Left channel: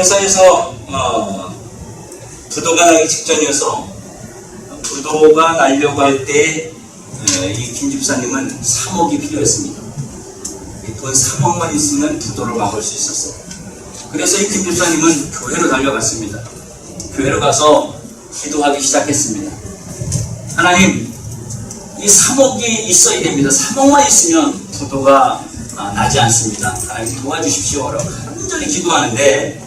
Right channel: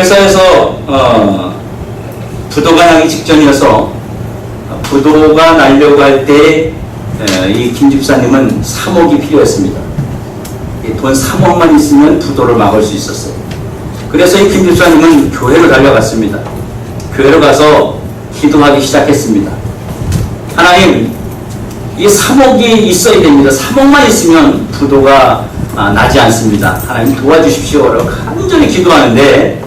회사에서 부도가 나기 직전이어서 부도가 나려고 할 때 이 김 집사님은 3억이 필요했습니다. 돈 3억만 있으면 부도를 막을 수 있었어요. 그래서 이 김 집사님은 교회로 달려갔습니다. 교회로 가서 기도하기 시작했습니다. 하나님, 이 3억이 있어야 됩니다. 3억만 있으면 부도가 나지 않습니다. 하나님 도와주십시오라고 간절히 기도하는데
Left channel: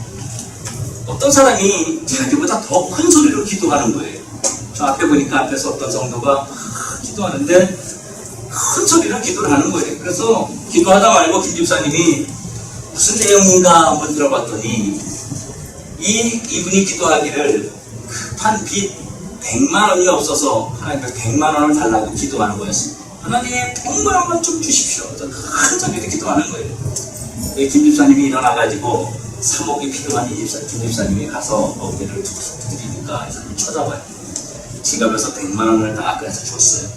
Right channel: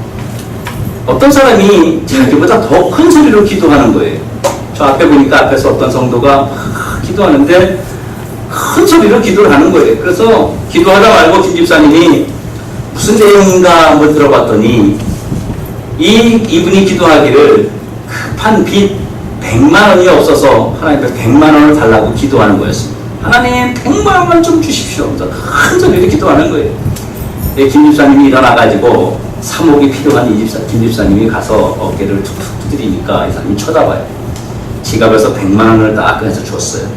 어떤 사람이 자기보다 더 큰 소리로 기도하는 거예요. 저 앞에 보니까 앞에서 어떤 성도가 막 기도하는데 큰 소리로 기도를 하는 거예요. 그래서 기도하다 말고 김 집사님이 무슨 내용인가 한번 들어봤더니 이분이 기도하기를 급한 빚 100만 원이 없어서 하나님께 100만 원을 달라고 기도하는 거였어요. 하나님 100만 원만 좀 주십시오. 큰 소리로 기도하는 거예요. 김 집사님이 일어나가지고 3억이 필요한 김 집사님이 가서 어깨를 툭툭 두드리니까 이 사람이 쳐다봐요. 지갑에서 100만 원을 딱 꺼내서 줬어요.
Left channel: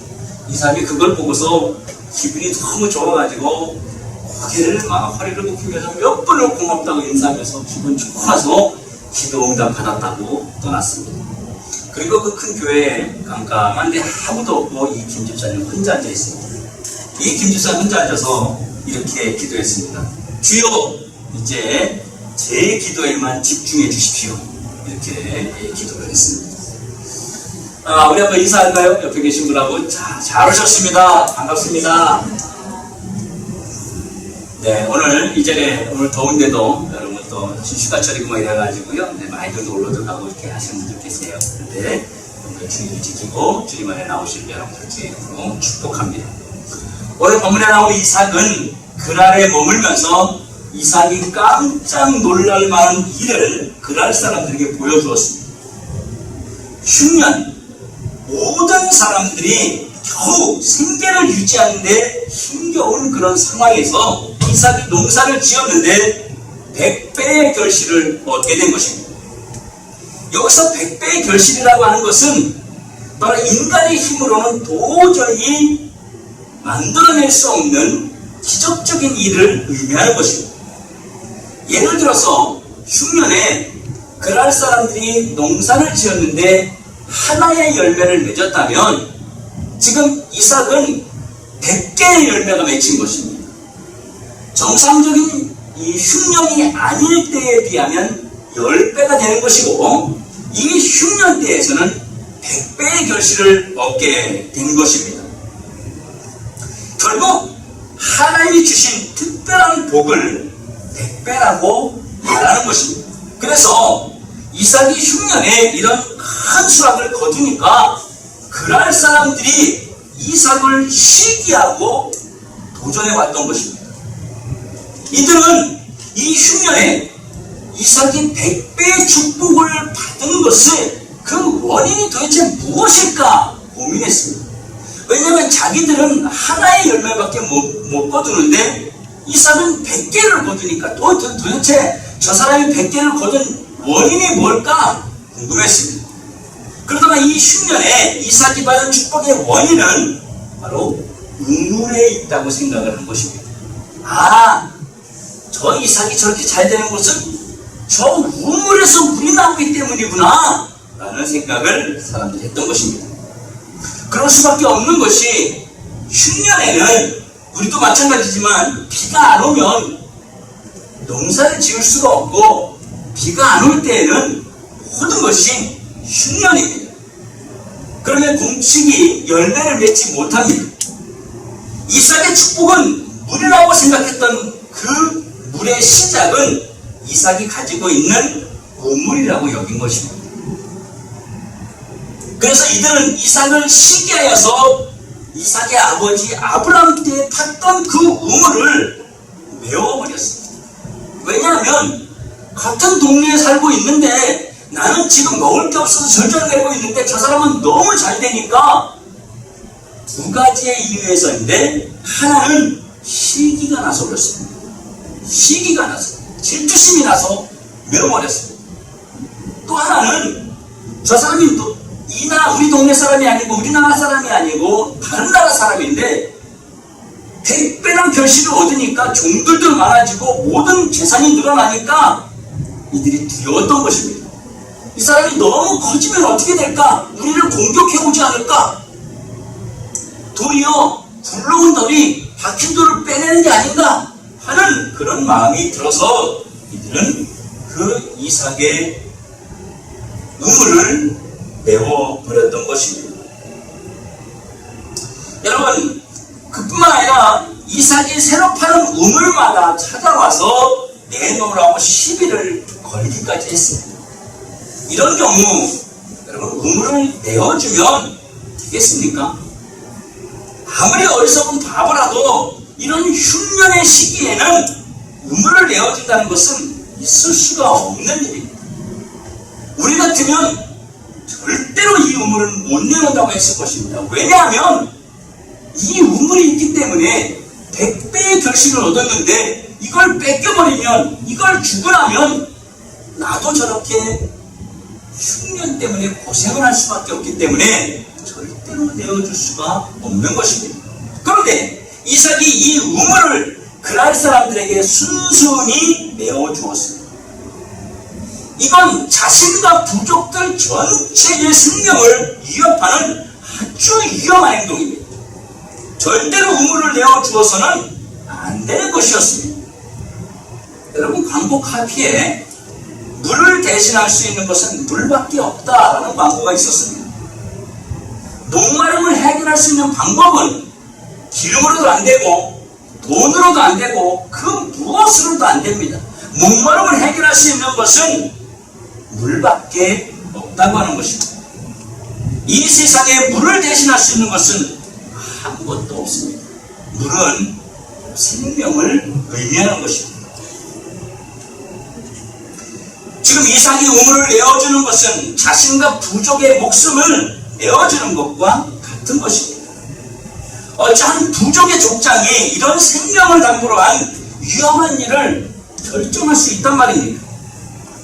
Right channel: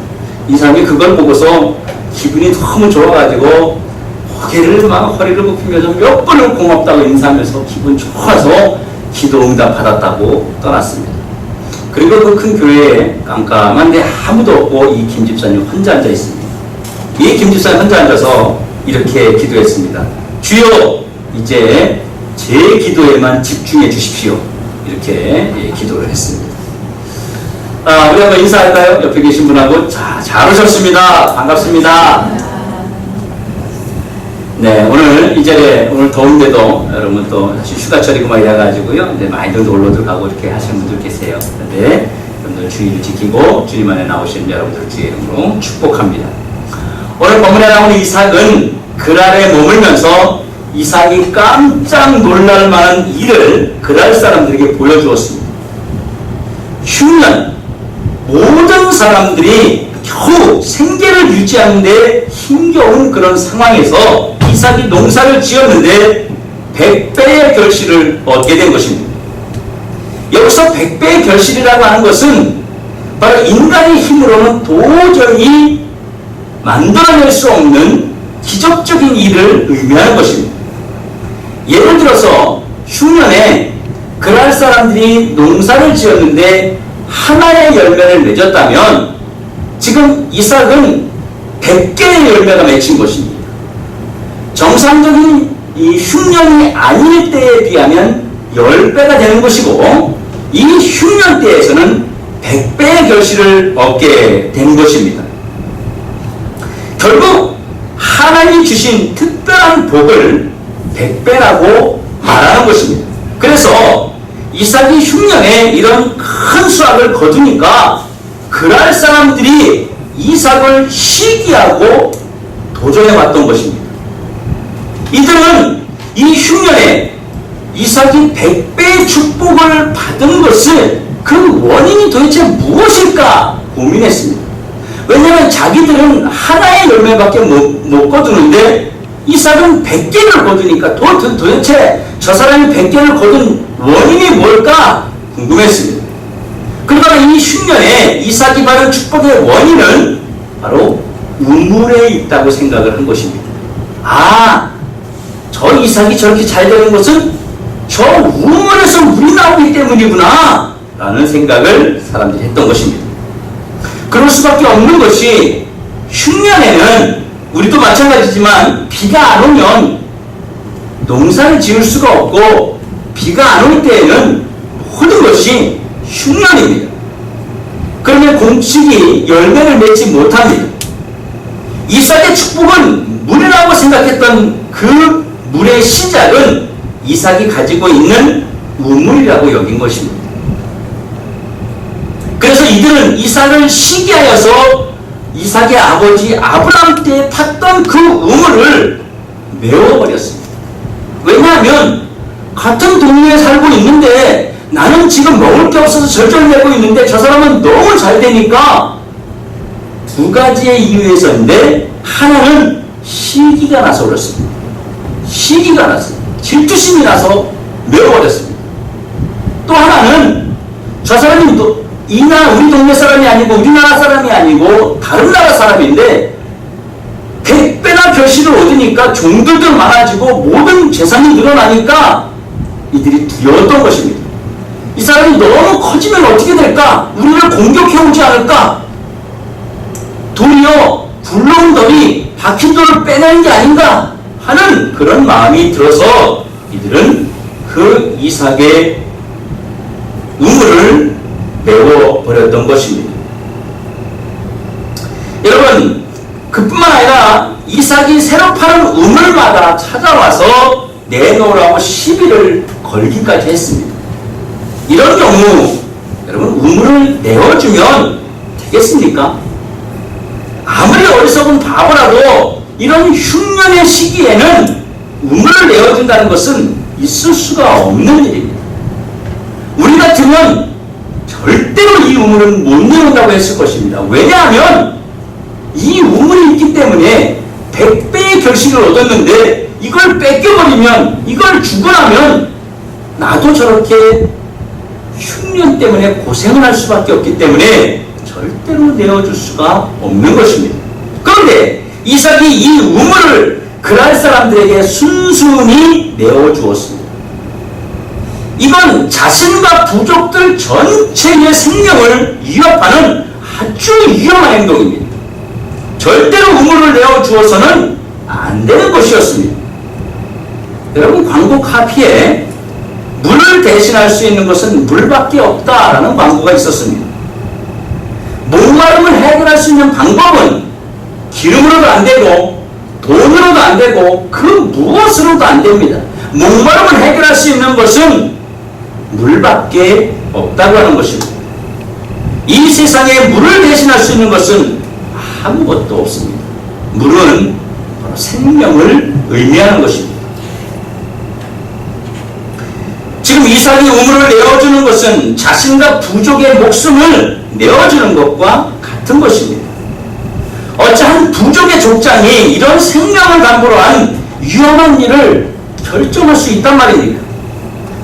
이 사람이 그걸 보고서 기분이 너무 좋아가지고 어깨를 막 허리를 굽히면서 몇 번을 고맙다고 인사하면서 기분 좋아서 기도 응답 받았다고 떠났습니다. 그리고 그 큰 교회에 깜깜한데 아무도 없고 이 김 집사님 혼자 앉아 있습니다. 이 김 집사님 혼자 앉아서 이렇게 기도했습니다. 주여, 이제 제 기도에만 집중해 주십시오. 이렇게 기도를 했습니다. 우리 한번 인사할까요? 옆에 계신 분하고. 자, 잘 오셨습니다. 반갑습니다. 네, 오늘 이 자리에 오늘 더운데도 여러분 또 사실 휴가철이고 막 이래가지고요. 네, 많이들 놀러들 가고 이렇게 하시는 분들 계세요. 네, 여러분들 주의를 지키고 주님 안에 나오시는 여러분들 주의 이름으로 축복합니다. 오늘 본문에 나오는 이삭은 그랄에 머물면서 이삭이 깜짝 놀랄 만한 일을 그랄 사람들에게 보여주었습니다. 흉년, 모든 사람들이 겨우 생계를 유지하는 데 힘겨운 그런 상황에서 이삭이 농사를 지었는데 100배의 결실을 얻게 된 것입니다. 여기서 100배의 결실이라고 하는 것은 바로 인간의 힘으로는 도저히 만들어낼 수 없는 기적적인 일을 의미하는 것입니다. 예를 들어서 흉년에 그랄 사람들이 농사를 지었는데 하나의 열매를 맺었다면 지금 이삭은 100개의 열매가 맺힌 것입니다. 정상적인 이 흉년이 아닐 때에 비하면 10배가 되는 것이고 이 흉년 때에서는 100배의 결실을 얻게 된 것입니다. 결국 하나님이 주신 특별한 복을 100배라고 말하는 것입니다. 그래서 이삭이 흉년에 이런 큰 수확을 거두니까 그랄 사람들이 이삭을 시기하고 도전해 왔던 것입니다. 이들은 이 흉년에 이삭이 100배의 축복을 받은 것을 그 원인이 도대체 무엇일까 고민했습니다. 왜냐하면 자기들은 하나의 열매밖에 못 거두는데 이삭은 100개를 거두니까 도대체 저 사람이 100개를 거둔 원인이 뭘까 궁금했습니다. 그러다가 이 흉년에 이삭이 받은 축복의 원인은 바로 우물에 있다고 생각을 한 것입니다. 저 이삭이 저렇게 잘 되는 것은 저 우물에서 물이 나오기 때문이구나 라는 생각을 사람들이 했던 것입니다. 그럴 수밖에 없는 것이 흉년에는 우리도 마찬가지지만 비가 안 오면 농사를 지을 수가 없고 비가 안 올 때에는 모든 것이 흉년입니다. 그러면 공식이 열매를 맺지 못합니다. 이삭의 축복은 물이라고 생각했던 그 물의 시작은 이삭이 가지고 있는 우물이라고 여긴 것입니다. 그래서 이들은 이삭을 시기하여서 이삭의 아버지 아브라함 때 팠던 그 우물을 메워버렸습니다. 왜냐하면 같은 동네에 살고 있는데 나는 지금 먹을 게 없어서 절절매고 있는데 저 사람은 너무 잘 되니까 두 가지의 이유에서인데 하나는 시기가 나서 그렇습니다. 시기가 나서 질투심이 나서 메워버렸습니다. 또 하나는 저 사람이 우리 동네 사람이 아니고 우리나라 사람이 아니고 다른 나라 사람인데 100배나 결실을 얻으니까 종들도 많아지고 모든 재산이 늘어나니까 이들이 두려웠던 것입니다. 이 사람이 너무 커지면 어떻게 될까? 우리를 공격해오지 않을까? 도리어 굴러온 돌이 박힌 돌을 빼내는 게 아닌가 하는 그런 마음이 들어서 이들은 그 이삭의 우물을 메워버렸던 것입니다. 여러분, 그뿐만 아니라 이삭이 새로 파는 우물마다 찾아와서 내놓으라고 시비를 걸기까지 했습니다. 이런 경우 여러분, 우물을 내어주면 되겠습니까? 아무리 어리석은 바보라도 이런 흉년의 시기에는 우물을 내어준다는 것은 있을 수가 없는 일입니다. 우리 같으면 절대로 이 우물은 못 내온다고 했을 것입니다. 왜냐하면 이 우물이 있기 때문에 100배의 결실을 얻었는데 이걸 뺏겨버리면, 이걸 주고 나면 나도 저렇게 흉년 때문에 고생을 할 수밖에 없기 때문에 절대로 내어줄 수가 없는 것입니다. 그런데 이삭이 이 우물을 그랄 사람들에게 순순히 내어주었습니다. 이건 자신과 부족들 전체의 생명을 위협하는 아주 위험한 행동입니다. 절대로 우물을 내어주어서는 안 되는 것이었습니다. 여러분, 광고 카피에 물을 대신할 수 있는 것은 물밖에 없다라는 광고가 있었습니다. 목마름을 해결할 수 있는 방법은 기름으로도 안 되고 돈으로도 안 되고 그 무엇으로도 안 됩니다. 목마름을 해결할 수 있는 것은 물밖에 없다고 하는 것입니다. 이 세상에 물을 대신할 수 있는 것은 아무것도 없습니다. 물은 바로 생명을 의미하는 것입니다. 지금 이삭이 우물을 내어주는 것은 자신과 부족의 목숨을 내어주는 것과 같은 것입니다. 어찌한 부족의 족장이 이런 생명을 담보로 한 위험한 일을 결정할 수 있단 말입니까?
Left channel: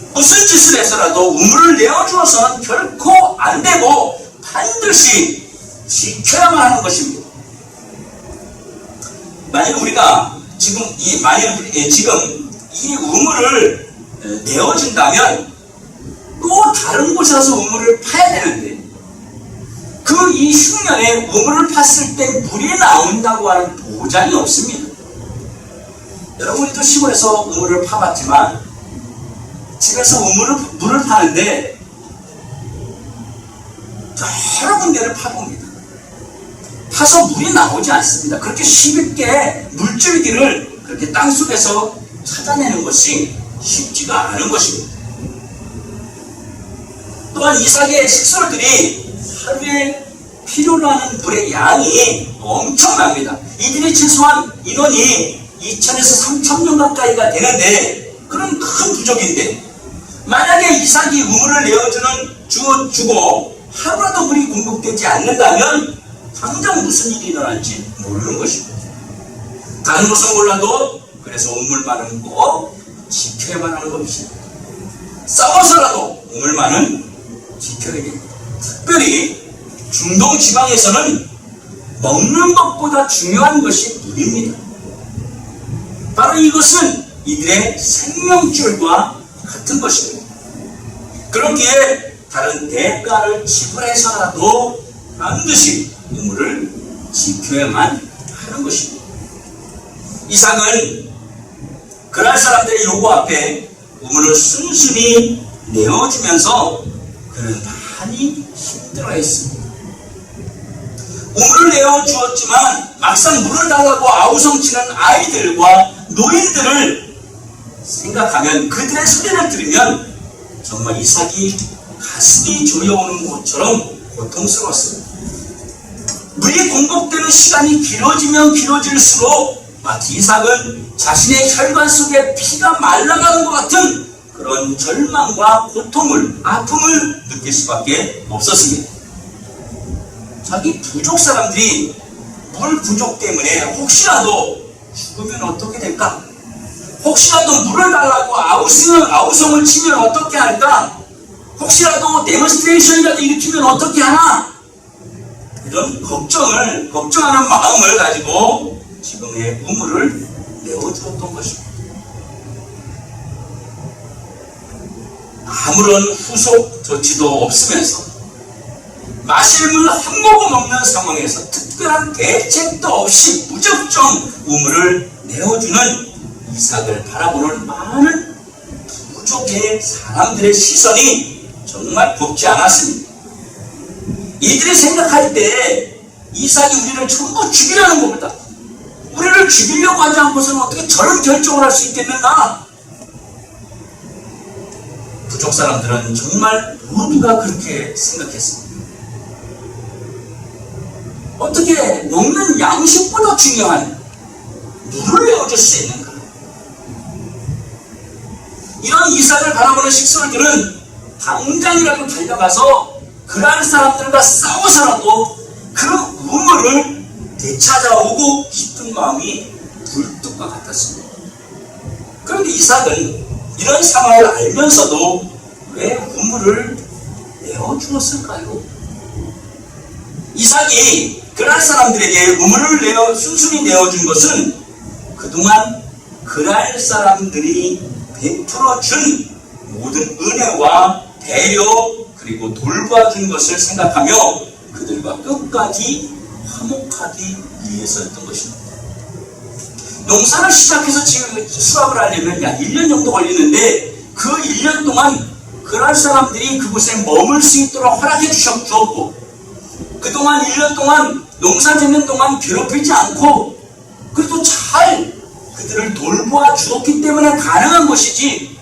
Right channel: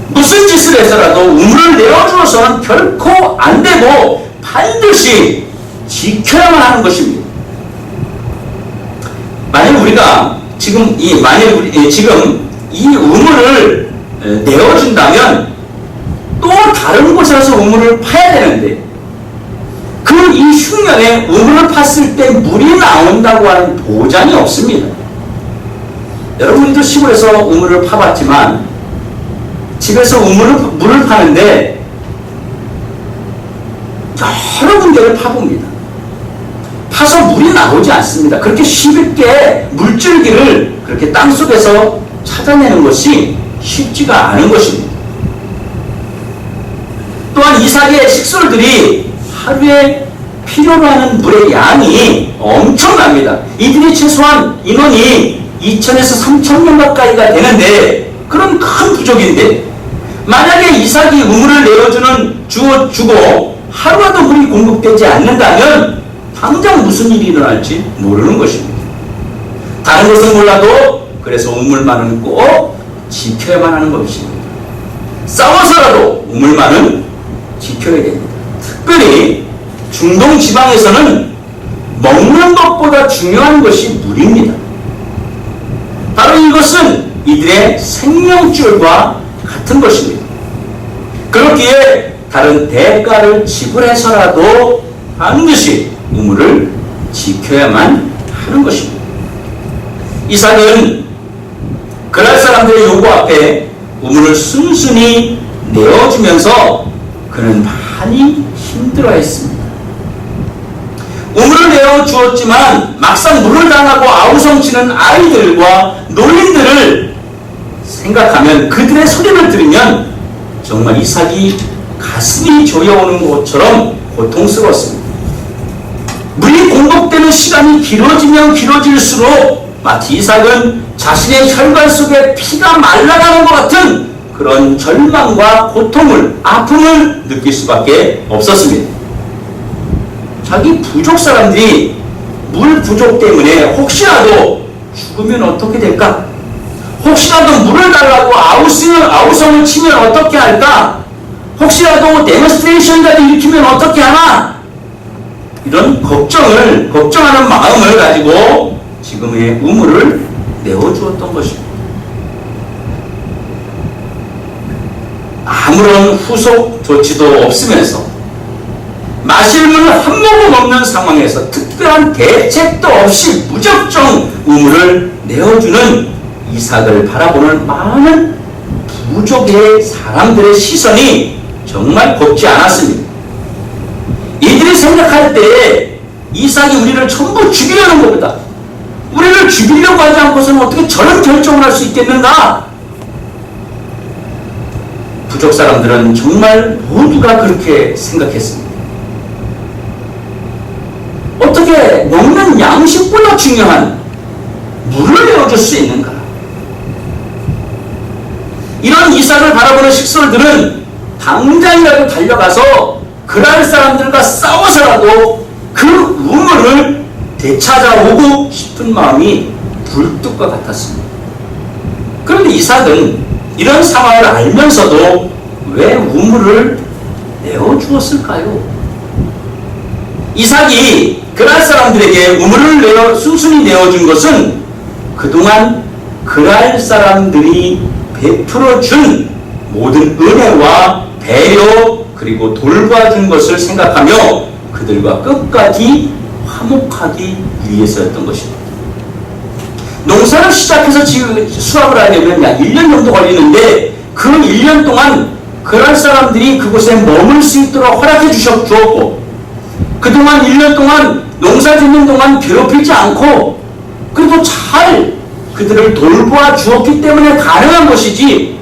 무슨 짓을 해서라도 우물을 내어주어서는 결코 안 되고 반드시 지켜야만 하는 것입니다. 만약 우리가 지금 이 우물을 내어준다면 또 다른 곳에 가서 우물을 파야 되는데 그 이 흉년에 우물을 팠을 때 물이 나온다고 하는 보장이 없습니다. 여러분도 시골에서 우물을 파봤지만 집에서 물을 파는데 여러 군데를 파봅니다. 파서 물이 나오지 않습니다. 그렇게 쉽게 물줄기를 그렇게 땅속에서 찾아내는 것이 쉽지가 않은 것입니다. 또한 이삭의 식솔들이 하루에 필요로 하는 물의 양이 엄청납니다. 이들이 최소한 인원이 2,000에서 3,000명 가까이가 되는데 그런 큰 부족인데 만약에 이삭이 우물을 주고 하루라도 물이 공급되지 않는다면 당장 무슨 일이 일어날지 모르는 것입니다. 다른 것은 몰라도 그래서 우물만은 꼭 지켜야만 하는 것입니다. 싸워서라도 우물만은 지켜야 됩니다. 특별히 중동 지방에서는 먹는 것보다 중요한 것이 물입니다. 바로 이것은 이들의 생명줄과 같은 것입니다. 그렇기에 다른 대가를 지불해서라도 반드시 우물을 지켜야만 하는 것입니다. 이삭은 그날 사람들의 요구 앞에 우물을 순순히 내어주면서 그는 많이 힘들어했습니다. 우물을 내어주었지만 막상 물을 당하고 아우성치는 아이들과 노인들을 생각하면 그들의 소리를 들으면 정말 이삭이 가슴이 조여오는 것처럼 고통스러웠습니다. 물이 공급되는 시간이 길어지면 길어질수록 마치 이삭은 자신의 혈관 속에 피가 말라가는 것 같은 그런 절망과 고통을, 아픔을 느낄 수밖에 없었습니다. 자기 부족 사람들이 물 부족 때문에 혹시라도 죽으면 어떻게 될까? 혹시라도 물을 달라고 아우성을 치면 어떻게 할까? 혹시라도 데몬스트레이션이라도 일으키면 어떻게 하나? 이런 걱정하는 마음을 가지고 지금의 우물을 내어주었던 것입니다. 아무런 후속 조치도 없으면서 마실 물 한 모금 없는 상황에서 특별한 대책도 없이 무작정 우물을 내어주는 이삭을 바라보는 많은 부족의 사람들의 시선이 정말 곱지 않았습니다. 이들이 생각할 때 이삭이 우리를 전부 죽이려는 것보다 우리를 죽이려고 하지 않고서는 어떻게 저런 결정을 할 수 있겠는가? 부족 사람들은 정말 모두가 그렇게 생각했습니다. 어떻게 먹는 양식보다 중요한 물을 내어줄 수 있는가? 이런 이삭을 바라보는 식솔들은 당장이라도 달려가서 그랄 사람들과 싸워서라도 그 우물을 되찾아오고 싶은 마음이 불뚝과 같았습니다. 그런데 이삭은 이런 상황을 알면서도 왜 우물을 내어주었을까요? 이삭이 그랄 사람들에게 우물을 순순히 내어준 것은 그동안 그랄 사람들이 베풀어준 모든 은혜와 배려 그리고 돌봐준 것을 생각하며 그들과 끝까지 화목하기 위해서였던 것입니다. 농사를 시작해서 지금 수확을 하려면 약 1년 정도 걸리는데 그 1년 동안 그랄 사람들이 그곳에 머물 수 있도록 허락해 주었고 그동안 1년 동안 농사 짓는 동안 괴롭히지 않고 그래도 잘 그들을 돌보아 주었기 때문에 가능한 것이지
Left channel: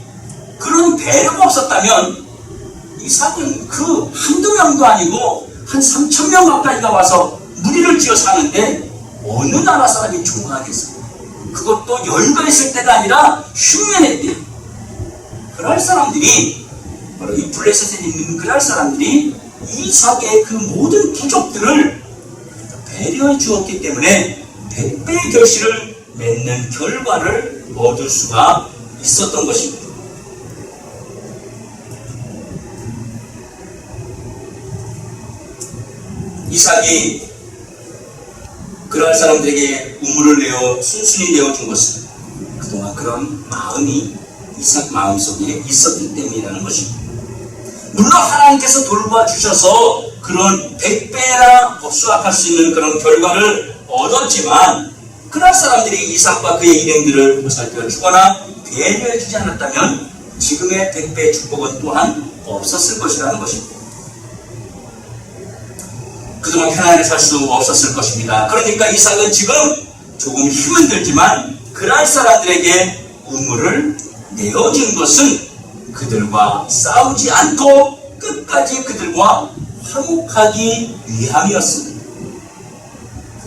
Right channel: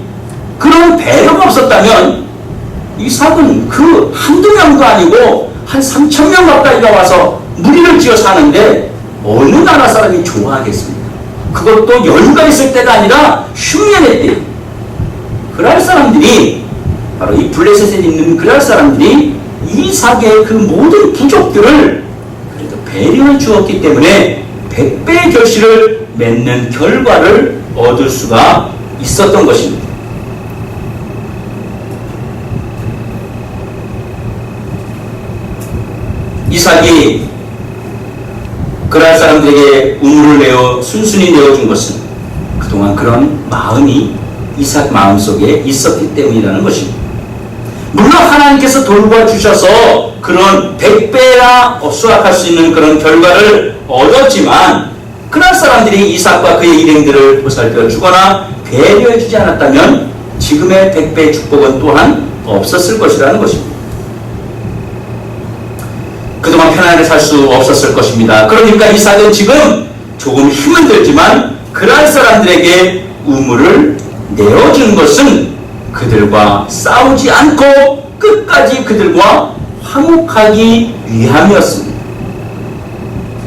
그런 배려가 없었다면 이삭은 그 한두 명도 아니고 한 3,000명 가까이가 와서 무리를 지어 사는데 어느 나라 사람이 좋아하겠습니까? 그것도 여유가 있을 때가 아니라 흉년의 때 그랄 사람들이 바로 이 블레셋에 있는 그랄 사람들이 이삭의 그 모든 부족들을 그래도 배려해 주었기 때문에 100배의 결실을 맺는 결과를 얻을 수가 있었던 것입니다. 이삭이 그랄 사람들에게 우물을 내어 순순히 내어준 것은 그동안 그런 마음이 이삭 마음속에 있었기 때문이라는 것입니다. 물론 하나님께서 돌봐 주셔서 그런 100배나 수확할 수 있는 그런 결과를 얻었지만 그랄 사람들이 이삭과 그의 일행들을 보살펴 주거나 배려해 주지 않았다면 지금의 100배의 축복은 또한 없었을 것이라는 것입니다. 그동안 편안하게 살 수 없었을 것입니다. 그러니까 이삭은 지금 조금 힘은 들지만 그랄 사람들에게 우물을 내어준 것은 그들과 싸우지 않고 끝까지 그들과 화목하기 위함이었습니다.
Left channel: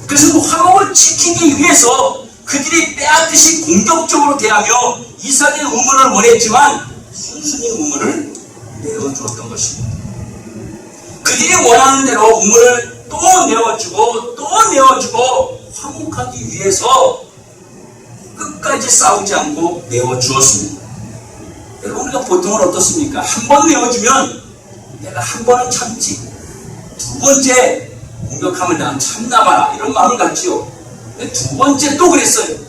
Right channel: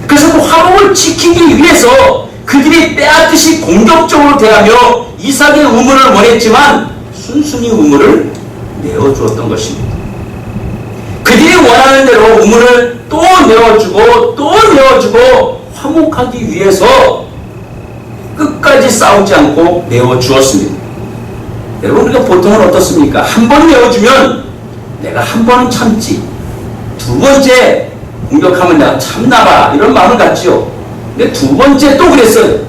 그래서 그 화목을 지키기 위해서 그들이 빼앗듯이 공격적으로 대하며 이삭의 우물을 원했지만 순순히 우물을 내어주었던 것입니다. 그들이 원하는 대로 우물을 또 내어주고 또 내어주고 화목하기 위해서 끝까지 싸우지 않고 내어주었습니다. 여러분 우리가 보통은 어떻습니까? 한 번 내어주면 내가 한 번은 참지 두 번째 공격하면 내가 참나마라 이런 마음을 갖지요. 근데 두 번째 또 그랬어요.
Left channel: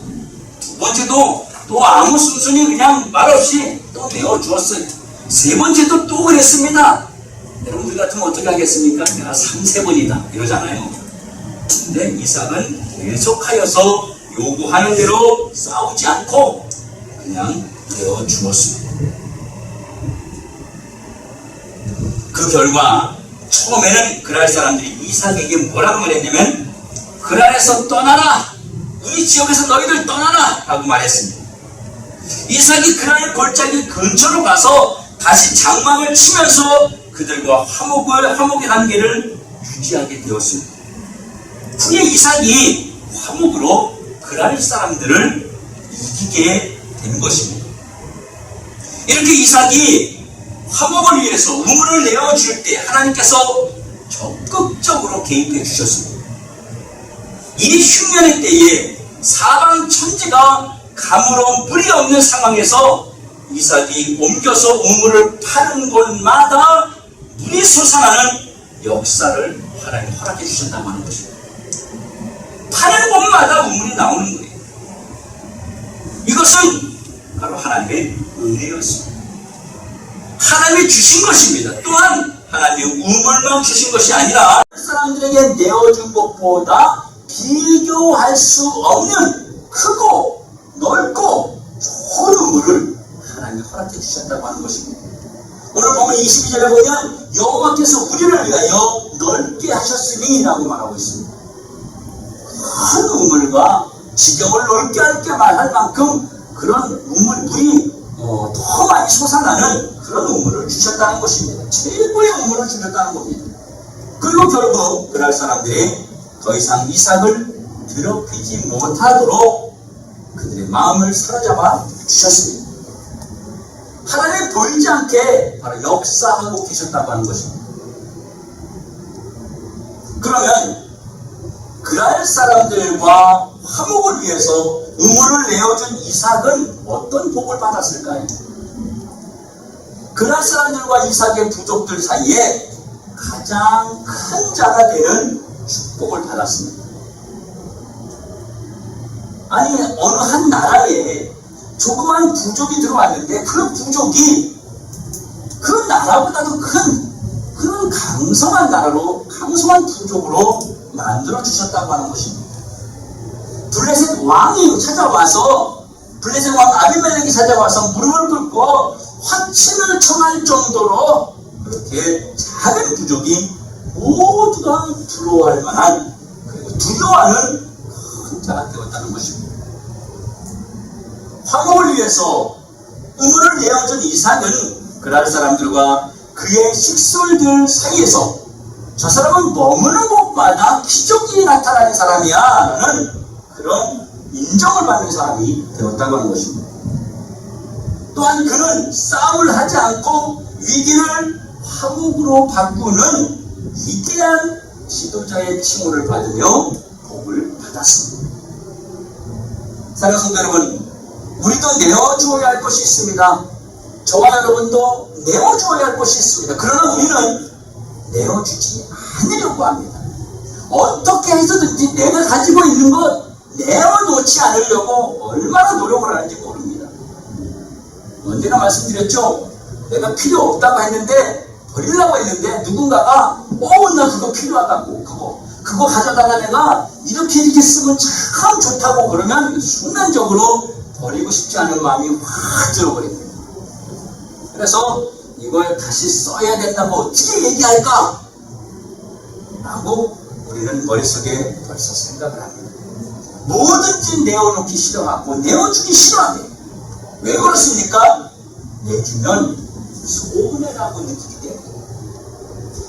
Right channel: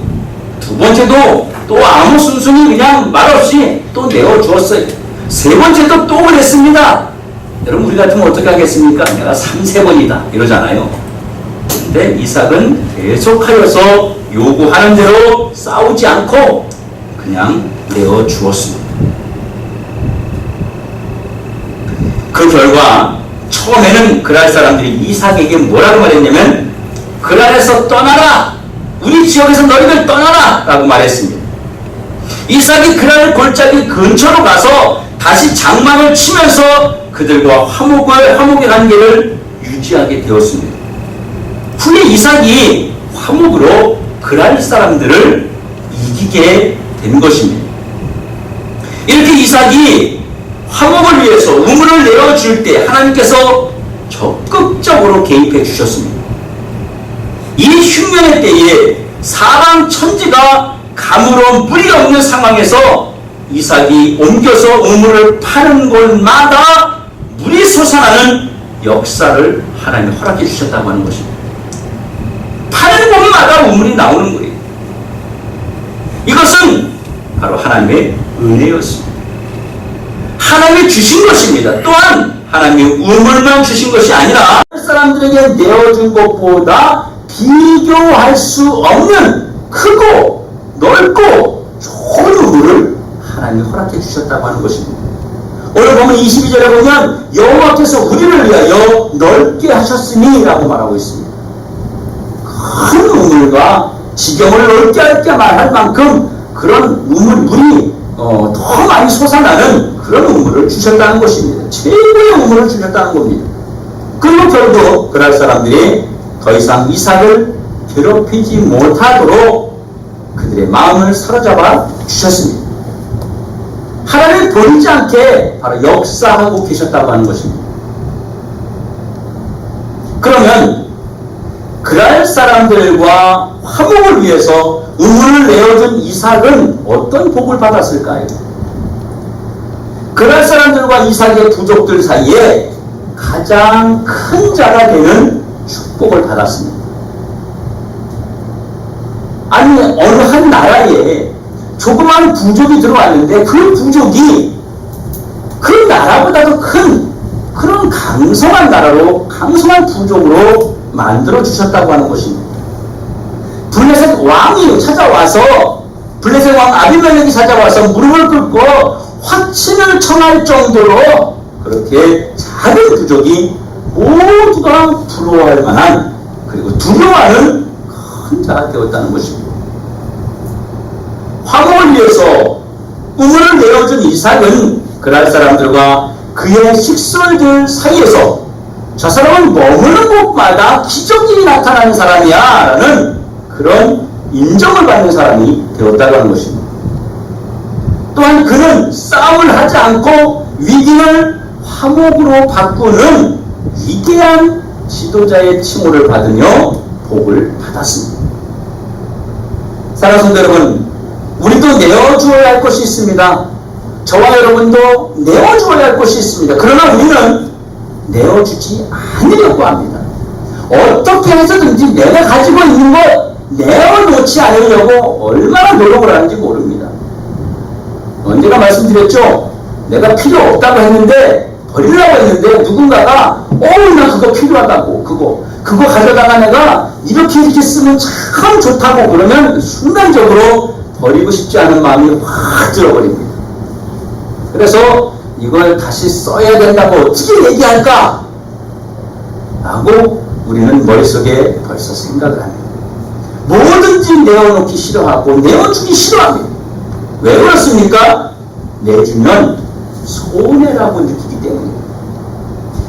두 번째도 또 아무 순순히 그냥 말없이 또 내어주었어요. 세 번째도 또 그랬습니다. 여러분 우리 같으면 어떻게 하겠습니까? 내가 3-4번이다 이러잖아요. 근데 이삭은 계속하여서 요구하는 대로 싸우지 않고 그냥 내어주었습니다. 그 결과 처음에는 그랄 사람들이 이삭에게 뭐라고 말했냐면 그랄에서 떠나라! 우리 지역에서 너희들 떠나라! 라고 말했습니다. 이삭이 그랄 골짜기 근처로 가서 다시 장막을 치면서 그들과 화목의 관계를 유지하게 되었습니다. 후에 이삭이 화목으로 그랄 사람들을 이기게 된 것입니다. 이렇게 이삭이 화목을 위해서 우물을 내어줄 때 하나님께서 적극적으로 개입해 주셨습니다. 이 흉년의 때에 사방 천지가 가물어 물이 없는 상황에서 이삭이 옮겨서 우물을 파는 곳마다 물이 솟아나는 역사를 하나님이 허락해 주셨다고 하는 것입니다. 파는 곳마다 우물이 나오는 거예요. 이것은 바로 하나님의 은혜였습니다. 하나님이 주신 것입니다. 또한 하나님이 우물만 주신 것이 아니라 사람들에게 내어준 것보다 비교할 수 없는 크고 넓고 좋은 우물을 하나님이 허락해 주셨다고 하는 것입니다. 오늘 보면 22절에 보면 여호와께서 우리를 위하여 넓게 하셨으니 라고 말하고 있습니다. 큰 우물과 지경을 넓게 할 만큼 그런 물이 더 많이 솟아나는 그런 우물을 주셨다는 것입니다. 최고의 우물을 주셨다는 겁니다. 그리고 결국 그날 사람들이 더 이상 이삭을 괴롭히지 못하도록 그들의 마음을 사로잡아 주셨습니다. 하나님 버리지 않게 바로 역사하고 계셨다고 하는 것입니다. 그러면 그날 사람들과 화목을 위해서 우물을 내어준 이삭은 어떤 복을 받았을까요? 그날 사람들과 이삭의 부족들 사이에 가장 큰 자가 되는 축복을 받았습니다. 아니, 어느 한 나라에 조그만 부족이 들어왔는데 그 부족이 그 나라보다도 큰 그런 강성한 나라로, 강성한 부족으로 만들어 주셨다고 하는 것입니다. 블레셋 왕이 찾아와서, 블레셋 왕 아비멜렉이 찾아와서 무릎을 꿇고 화친을 청할 정도로 그렇게 작은 부족이 모두가 부러워할 만한, 그리고 두려워하는 큰 자가 되었다는 것입니다. 화목을 위해서 우물을 내어준 이삭은 그날 사람들과 그의 식솔들 사이에서 저 사람은 머무는 곳마다 기적이 나타나는 사람이야 라는 그런 인정을 받는 사람이 되었다고 하는 것입니다. 또한 그는 싸움을 하지 않고 위기를 화목으로 바꾸는 위대한 지도자의 칭호를 받으며 복을 받았습니다. 사랑하는 성도 여러분, 우리도 내어주어야 할 것이 있습니다. 저와 여러분도 내어주어야 할 것이 있습니다. 그러나 우리는 내어주지 않으려고 합니다. 어떻게 해서든지 내가 가지고 있는 것 내어놓지 않으려고 얼마나 노력을 하는지 모릅니다. 언제나 말씀드렸죠? 내가 필요 없다고 했는데, 버리려고 했는데 누군가가 나 그거 필요하다고, 그거 가져다가 내가 이렇게 쓰면 참 좋다고 그러면 순간적으로 버리고 싶지 않은 마음이 확 들어버립니다. 그래서 이걸 다시 써야 된다고 어떻게 얘기할까? 라고 우리는 머릿속에 벌써 생각을 합니다. 뭐든지 내어놓기 싫어하고 내어주기 싫어합니다. 왜 그렇습니까? 내주면 손해라고 느끼기 때문에,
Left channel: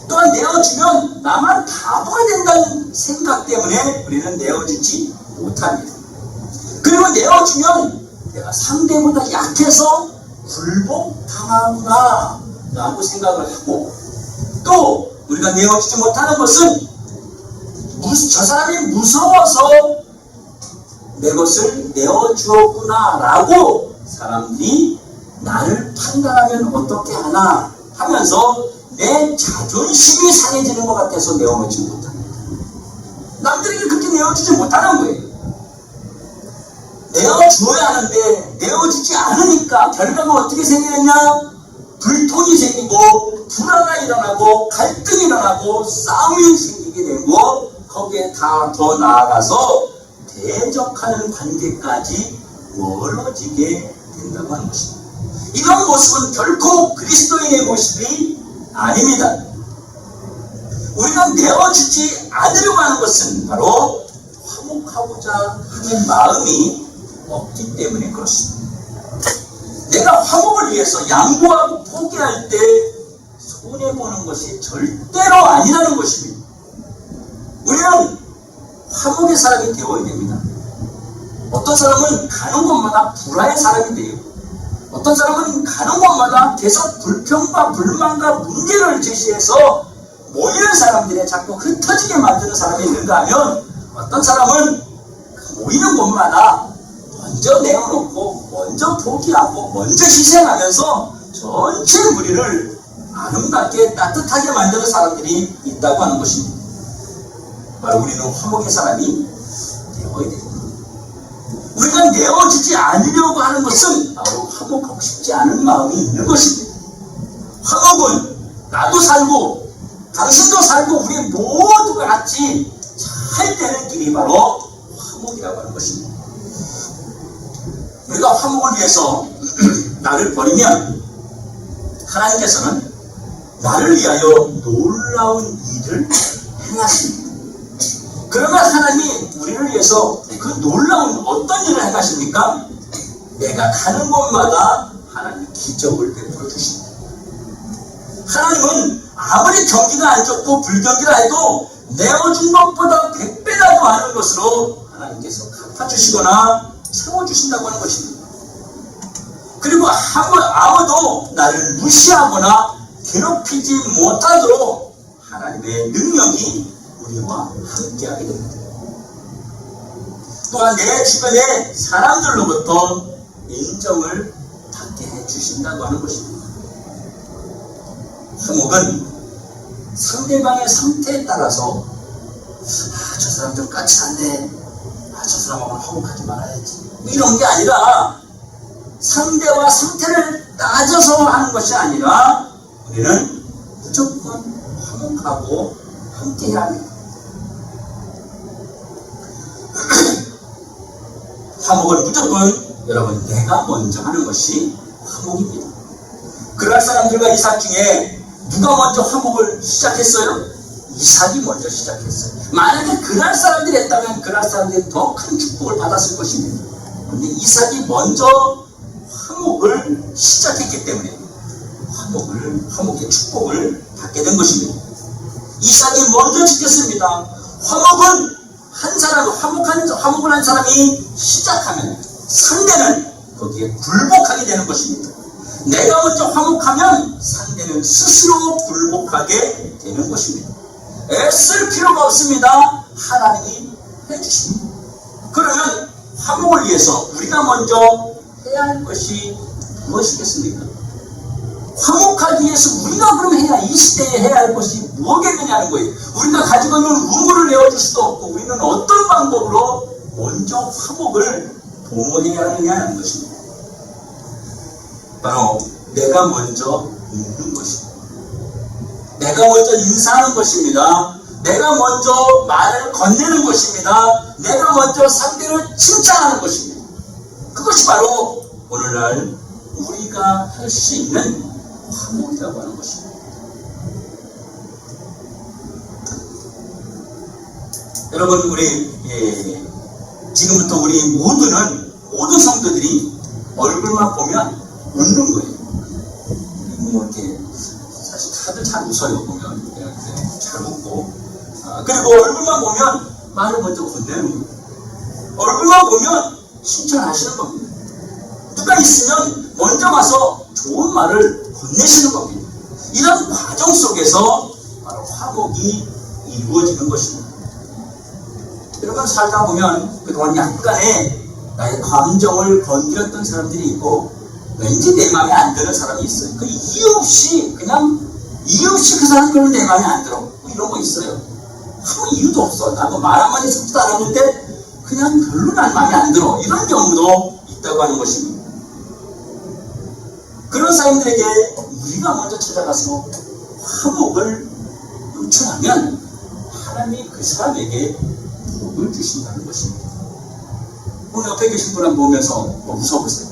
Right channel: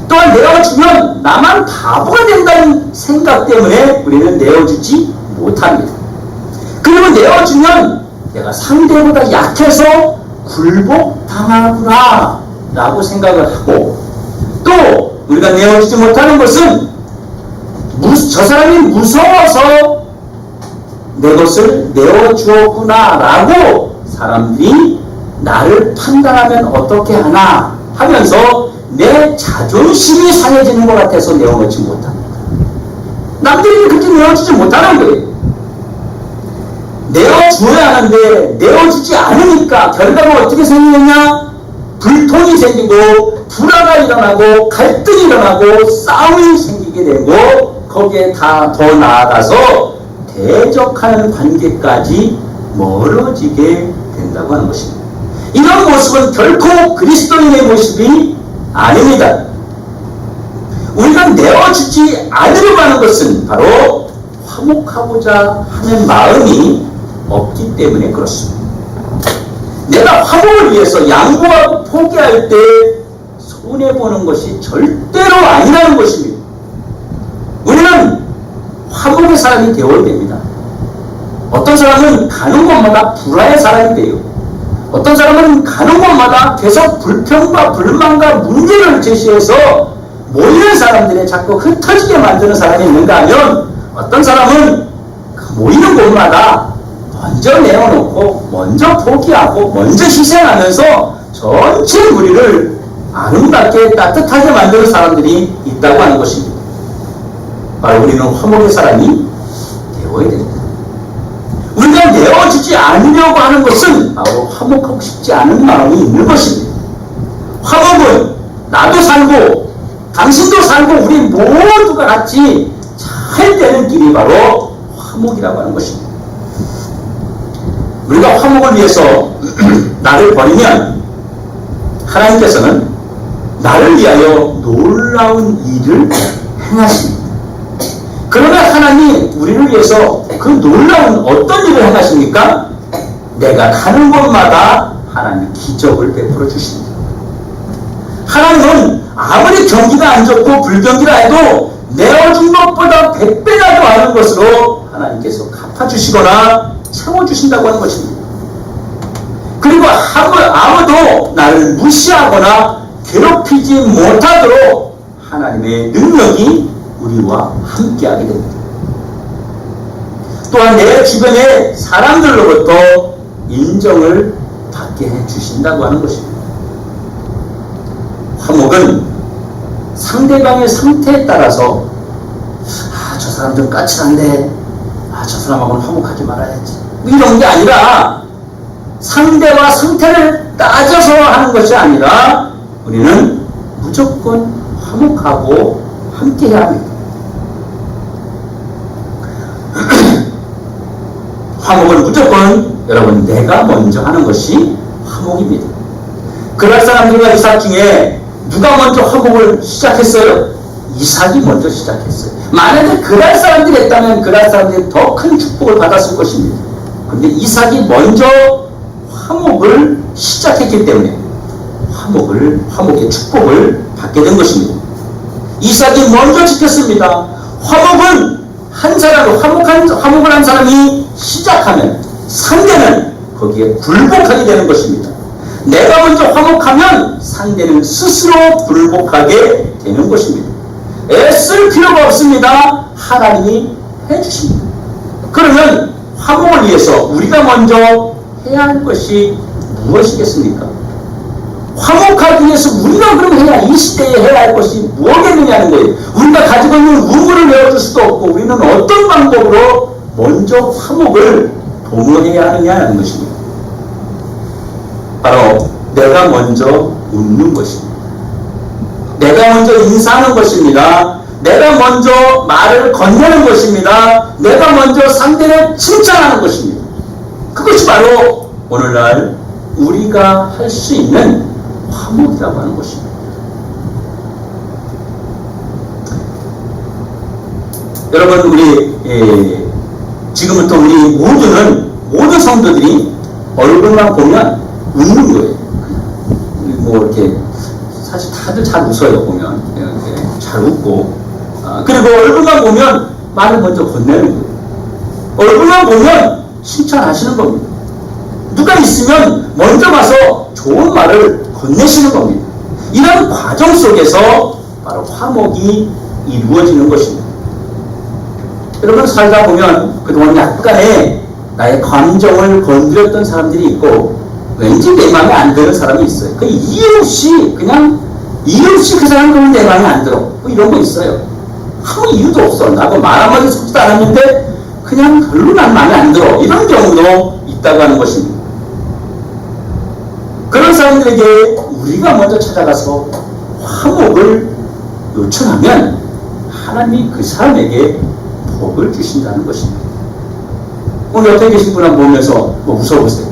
또한 내어주면 나만 바보가 된다는 생각 때문에 우리는 내어주지 못합니다. 그리고 내어주면 내가 상대보다 약해서 굴복당하구나 라고 생각을 하고, 또 우리가 내어주지 못하는 것은 저 사람이 무서워서 내 것을 내어주었구나 라고 사람들이 나를 판단하면 어떻게 하나 하면서 내 자존심이 상해지는 것 같아서 내어놓지 못합니다. 남들이 그렇게 내어주지 못하는 거예요. 내어주어야 하는데 내어주지 않으니까 결과가 어떻게 생기느냐? 불통이 생기고 불화가 일어나고 갈등이 일어나고 싸움이 생기게 되고, 거기에 다 더 나아가서 대적하는 관계까지 멀어지게 된다고 하는 것입니다. 이런 모습은 결코 그리스도인의 모습이 아닙니다. 우리가 내어주지 않으려고 하는 것은 바로 화목하고자 하는 마음이 없기 때문에 그렇습니다. 내가 화목을 위해서 양보하고 포기할 때 손해보는 것이 절대로 아니라는 것입니다. 우리는 화목의 사람이 되어야 됩니다. 어떤 사람은 가는 곳마다 불화의 사람이 돼요. 어떤 사람은 가는 곳마다 계속 불평과 불만과 문제를 제시해서 모이는 사람들이 자꾸 흩어지게 만드는 사람이 있는가 하면, 어떤 사람은 모이는 곳마다 먼저 내어놓고 먼저 포기하고 먼저 희생하면서 전체 무리를 아름답게 따뜻하게 만드는 사람들이 있다고 하는 것입니다. 바로 우리는 화목의 사람이 되어야 됩니다. 우리가 내어주지 않으려고 하는 것은 바로 화목하고 싶지 않은 마음이 있는 것입니다. 화목은 나도 살고 당신도 살고 우리 모두가 같이 잘 되는 길이 바로 화목이라고 하는 것입니다. 우리가 화목을 위해서 나를 버리면 하나님께서는 나를 위하여 놀라운 일을 행하십니다. 그러나 하나님이 우리를 위해서 그 놀라운 어떤 일을 행하십니까? 내가 가는 곳마다 하나님이 기적을 베풀어 주십니다. 하나님은 아무리 경기가 안 좋고 불경기라 해도 내어준 것보다 100배라도 많은 것으로 하나님께서 갚아주시거나 채워주신다고 하는 것입니다. 그리고 아무도 나를 무시하거나 괴롭히지 못하도록 하나님의 능력이 우리와 함께하게 됩니다. 또한 내 주변의 사람들로부터 인정을 받게 해주신다고 하는 것입니다. 화목은 상대방의 상태에 따라서 저 사람 좀 까칠한데 저 사람하고는 화목하지 말아야지 이런 게 아니라 상대와 상태를 따져서 하는 것이 아니라 우리는 무조건 화목하고 함께해야 합니다. 화목은 무조건 여러분 내가 먼저 하는 것이 화목입니다. 그날 사람들과 이삭 중에 누가 먼저 화목을 시작했어요? 이삭이 먼저 시작했어요. 만약에 그날 사람들이 했다면 그날 사람들이 더 큰 축복을 받았을 것입니다. 그런데 이삭이 먼저 화목을 시작했기 때문에 화목의 축복을 받게 된 것입니다. 이삭이 먼저 지켰습니다. 화목은 화목을 한 사람이 시작하면 상대는 거기에 굴복하게 되는 것입니다. 내가 먼저 화목하면 상대는 스스로 굴복하게 되는 것입니다. 애쓸 필요가 없습니다. 하나님이 해주십니다. 그러면 화목을 위해서 우리가 먼저 해야 할 것이 무엇이겠습니까? 화목하기 위해서 우리가 그럼 이 시대에 해야 할 것이 무엇이겠느냐는 거예요. 우리가 가지고 있는 우물을 내어줄 수도 없고 우리는 어떤 방법으로 먼저 화목을 도모해야 하느냐는 것입니다. 바로 내가 먼저 웃는 것입니다. 내가 먼저 인사하는 것입니다. 내가 먼저 말을 건네는 것입니다. 내가 먼저 상대를 칭찬하는 것입니다. 그것이 바로 오늘날 우리가 할 수 있는 화목이라고 하는 것입니다. 여러분 우리 지금부터 우리 모든 성도들이 얼굴만 보면 웃는 거예요. 뭐 이렇게 사실 다들 잘 웃어요. 보면 잘 웃고 그리고 얼굴만 보면 말을 먼저 건네는 거예요. 얼굴만 보면 칭찬하시는 겁니다. 누가 있으면 먼저 가서 좋은 말을 건네시는 겁니다. 이런 과정 속에서 바로 화목이 이루어지는 것입니다. 여러분 살다 보면 그동안 약간의 나의 감정을 건드렸던 사람들이 있고 왠지 내 마음에 안 드는 사람이 있어요. 그 이유 없이 그 사람 그러면 내 마음에 안 들어. 뭐 이런 거 있어요. 아무 이유도 없어. 나도 말 한마디 섞지도 않았는데 그냥 별로 난 마음에 안 들어. 이런 경우도 있다고 하는 것입니다. 그런 사람들에게 우리가 먼저 찾아가서 화목을 요청하면 하나님이 그 사람에게 복을 주신다는 것입니다. 오늘 옆에 계신 분을 보면서 뭐 웃어보세요.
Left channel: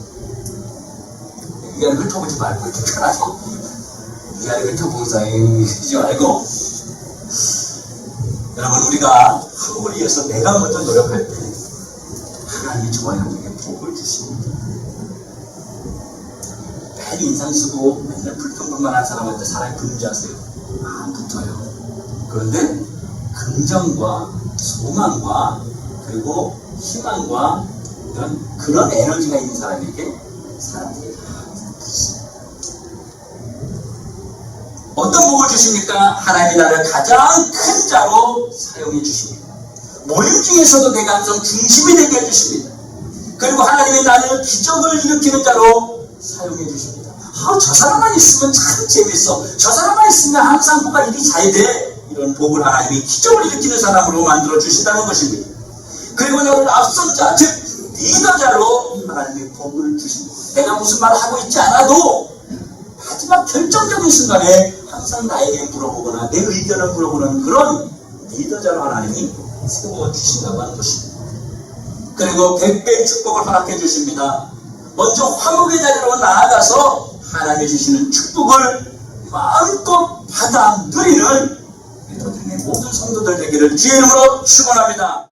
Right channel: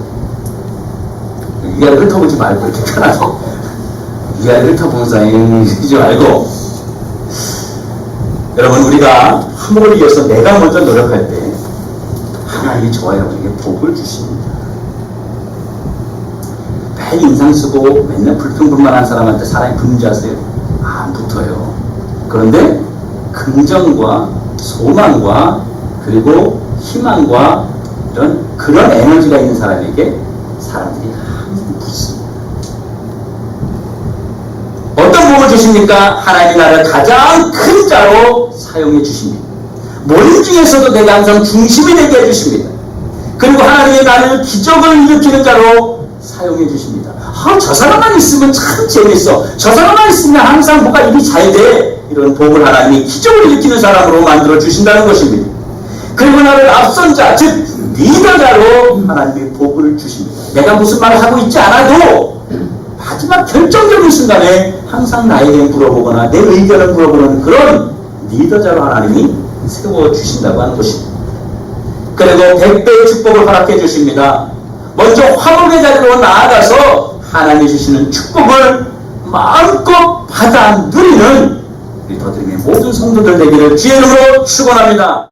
위아래 훑어보지 말고 이렇게 편하죠. 위아래 훑어보면서 이러지 말고 여러분 우리가 화목을 위해서 내가 먼저 노력할 때 하나님이 저와 여러분에게 복을 주십니다. 매일 인상 쓰고 맨날 불평불만한 사람한테 사람이 붙는 줄 아세요? 안 붙어요. 그런데 긍정과 소망과 그리고 희망과 그런 에너지가 있는 사람에게 사람들이 항상 붙습니다. 어떤 복을 주십니까? 하나님이 나를 가장 큰 자로 사용해 주십니다. 모임 중에서도 내가 항상 중심이 되게 해주십니다. 그리고 하나님이 나를 기적을 일으키는 자로 사용해 주십니다. 저 사람만 있으면 참 재밌어. 저 사람만 있으면 항상 뭐가 일이 잘 돼. 이런 복을 하나님이 기적을 일으키는 사람으로 만들어 주신다는 것입니다. 그리고 나를 앞선 자, 즉 리더자로 하나님이 복을 주십니다. 내가 무슨 말을 하고 있지 않아도 마지막 결정적인 순간에 항상 나에 대해 물어보거나 내 의견을 물어보는 그런 리더자로 하나님이 세워주신다고 하는 것입니다. 그리고 100배의 축복을 허락해 주십니다. 먼저 화목의 자리로 나아가서 하나님이 주시는 축복을 마음껏 받아 누리는 우리 더듬이 모든 성도들 되기를 주의 이름으로 축원합니다.